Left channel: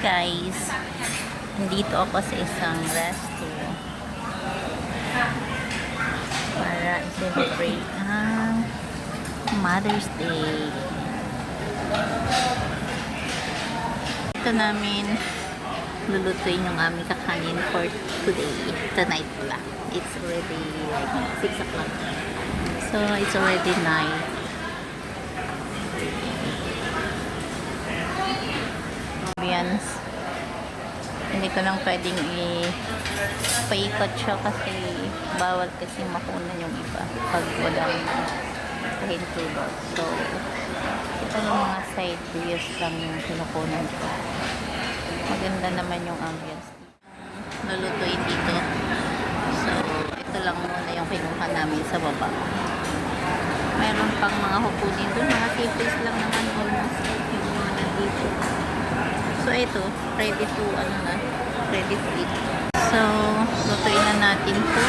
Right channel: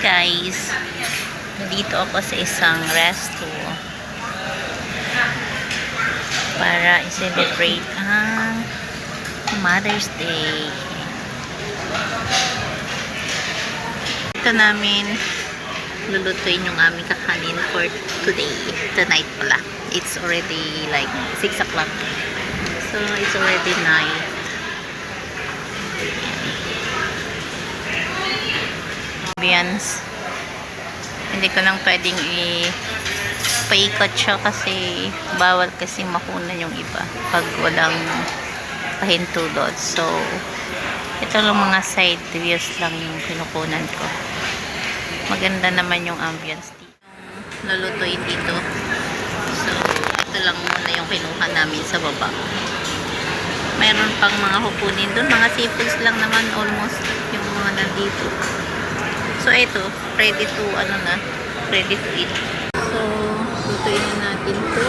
guys, dito ako sa isang resto para i-celebrate ang Mother's Day. Ito namin lulutuin yung aming kakanin for today, tonight pala. It's already like 6 o'clock, so it's already night. Ambience, hindi ko lang pwedeng ipaikot siya kasi bawal kasi makunan yung iba pag walang pahintulot. So ito lang, mga side views lang yung kinukunan ko. Maganda naman yung ambience dito, lulutuin dito. So ito lang muna yung kinuha namin sa baba. Mayroon pang mga kukunin doon, mga seafoods lang naman almost yung mga nandito. So ito, ready to ready to eat. So lutuin na natin to.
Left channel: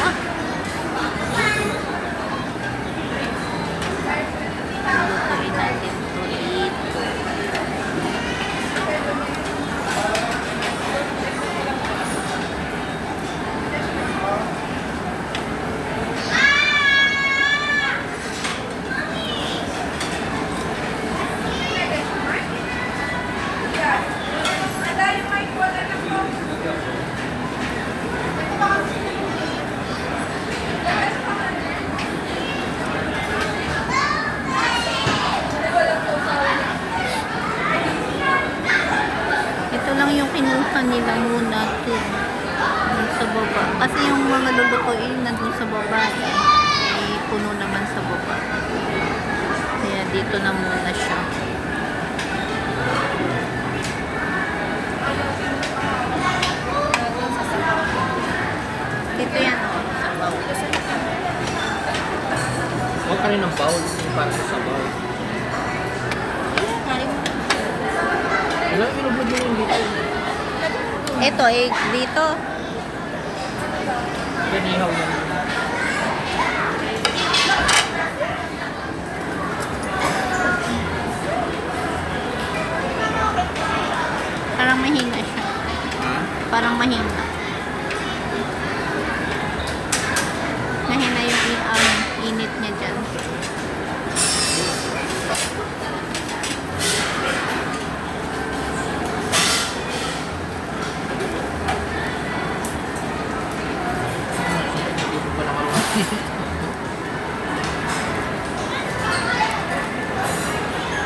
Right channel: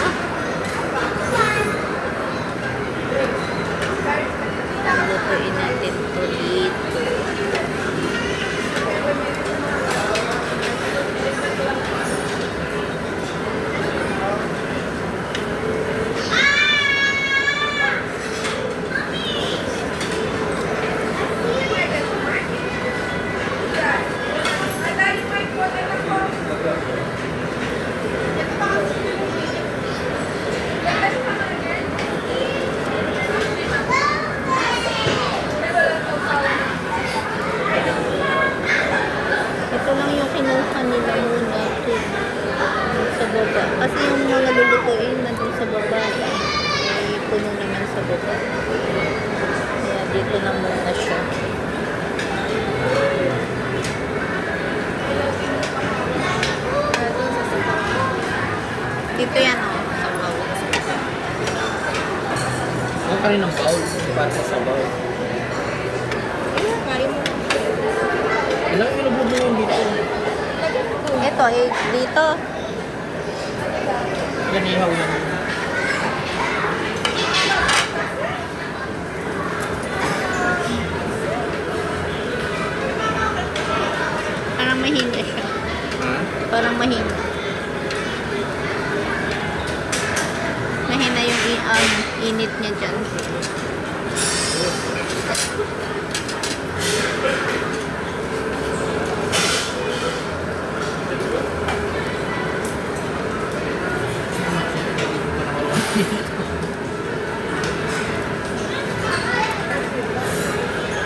Lutuin natin to dito. Ito lang yung kinuha nila muna to sa baba. Kasi yung mga lulutuin nandun sa baba ay puno naman sa baba. Kaya dito na muna siya. Dito yan sa bowl. Huwag ka rin ng bowl. Para sa bowl. Ilang inublog mo yung dito? Ito dito. Yan, ihaw yan. Parang mahina siya. Parang mahina. Mahina yung init niya dyan.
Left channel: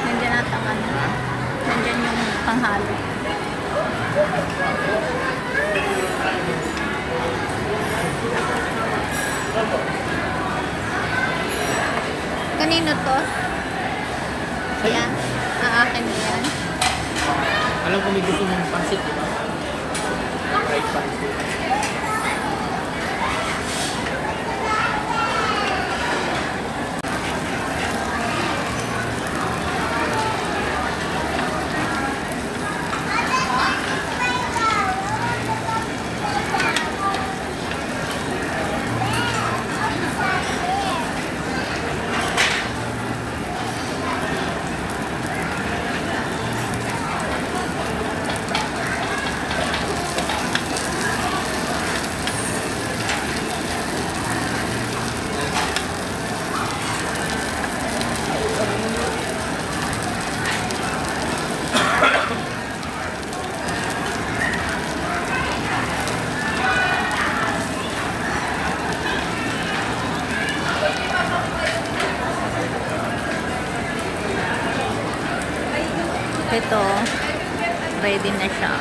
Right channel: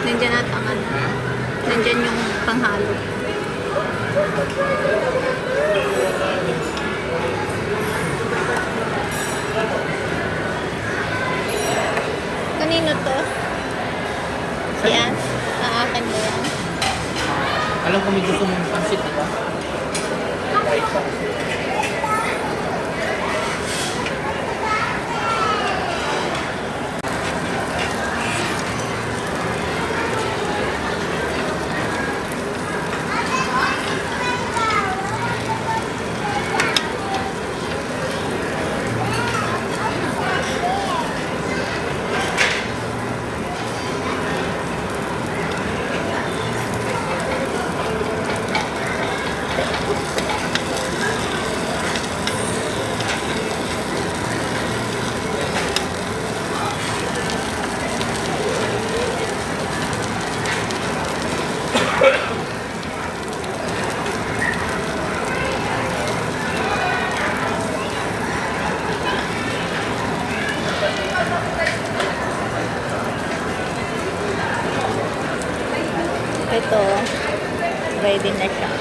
Nandyan at ang nandyan yung panghalo. Kanino to? Yan? Aakin mo yan? Alam ko may gusto mong pansit, di ba? Fried pansit. Ito, ready na siya.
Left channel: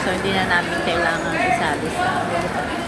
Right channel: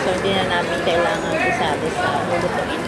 So, hindi na namin kailangan isali sa lulutuin.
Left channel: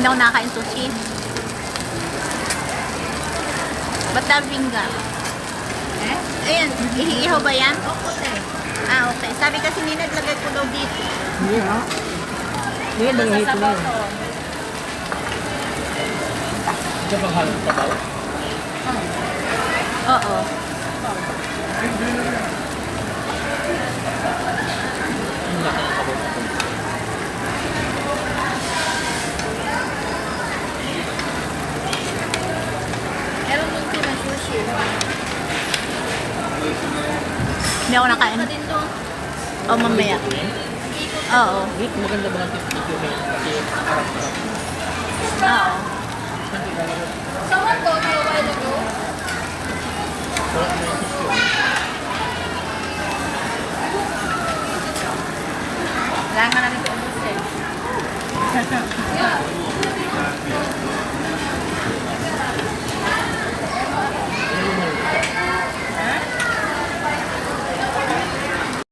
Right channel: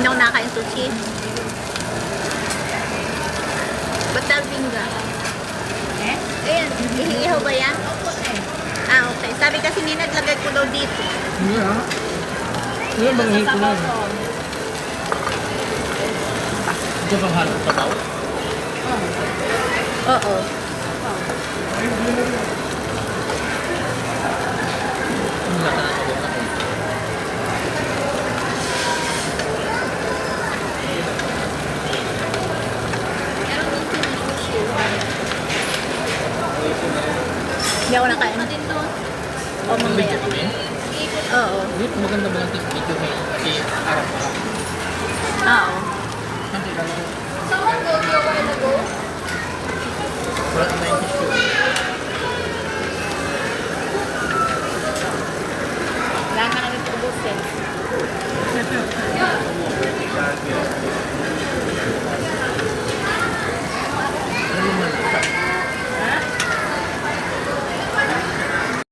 Hindi ako nakakain sushi. Ba't tawag bingga? Ayan, ihihaw ba yan? Ah, okay. Sabi kasi ni naglagay ko daw dito. Yeah. Yan ang hito na yun. Ito bang halong sabaw? Oo. Ang laki ng sabaw ako. Meron din po na sushi. Hindi ako nakain. Ito din doon. O, mamaya. Oo. Wait, maganda ba ang tip dito na tip Arab ka? Oo. Ang tigala ko. Sarap 90